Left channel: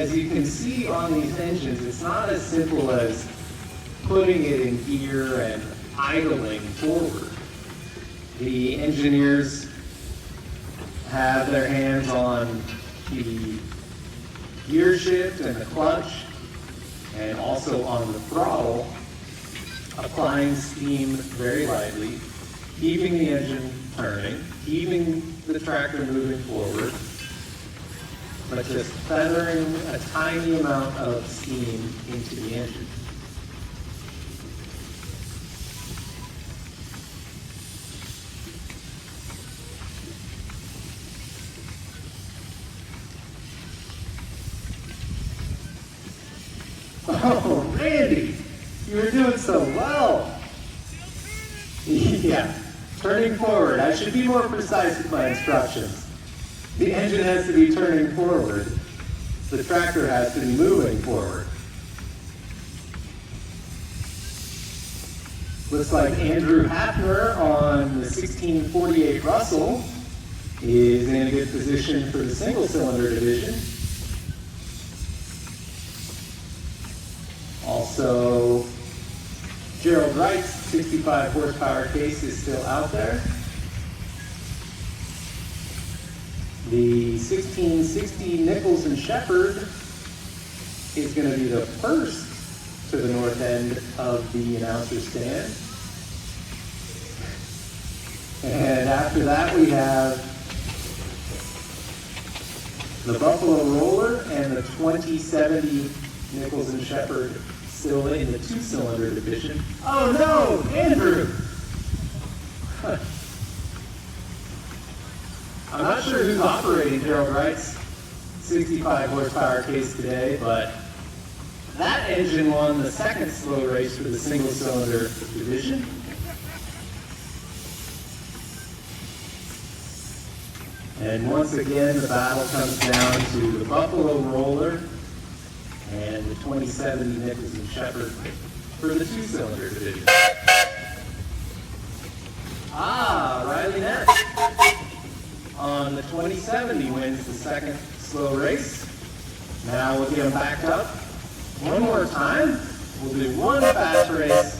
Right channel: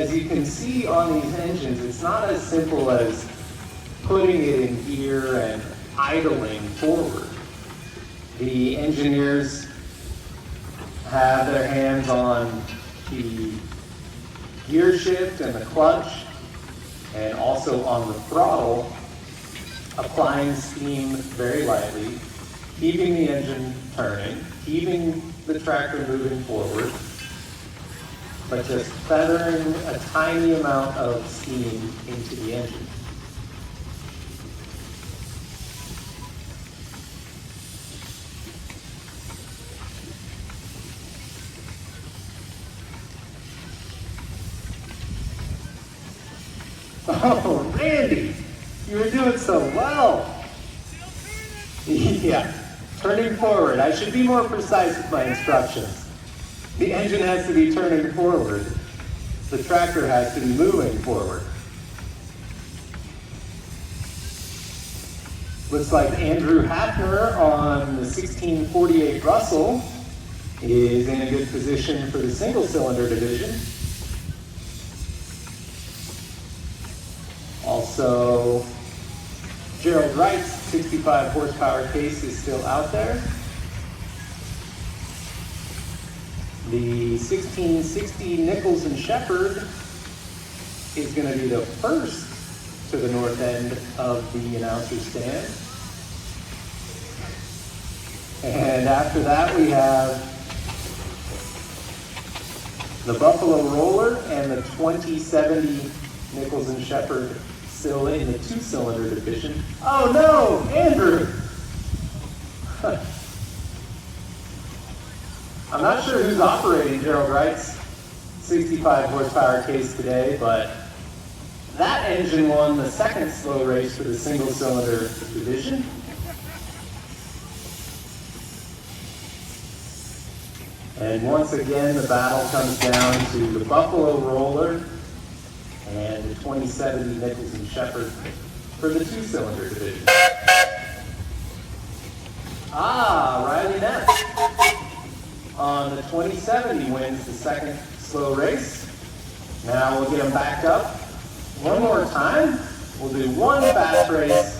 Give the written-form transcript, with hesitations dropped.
as you can see on these engines, it's not as simple as putting it in gear and idling forward. The engineers have their hands on the gear shift and the clutch, and also on the throttle, applying steam very lightly, keeping the engine turning, keeping the tractor moving forward, but just feathering a tiny amount of steam into the engine. Oh, Randy, you're doing so well. Yeah, turning forward. I should be more precise with my instructions. The engine has to be turning forward. The tractor has to be moving forward. Looks like Andrew Hafner on the 1648 Russell is in a good position for the single-cylinder division. Also, Gerald Wright's 65 horsepower case is still out there. The 1660 Nichols and Shepherd is going to be the first to the north end of the announcer stand. And after that we have the Buffalo Roller and the 2070 Nichols and Shepherd still in the two-cylinder division. Oh no, Andrew! I'm not sure who's operating Gerald Wright's 65 horsepower case today, but that engine won the second slow race for the single-cylinder division. And once again, the battle comes down to the Buffalo Roller and the 2070 Nichols and Shepherd for the two-cylinder division. Riley Ness on the 2070 wins the second slow race. Now we'll get them backed up one more time. We'll do one fast race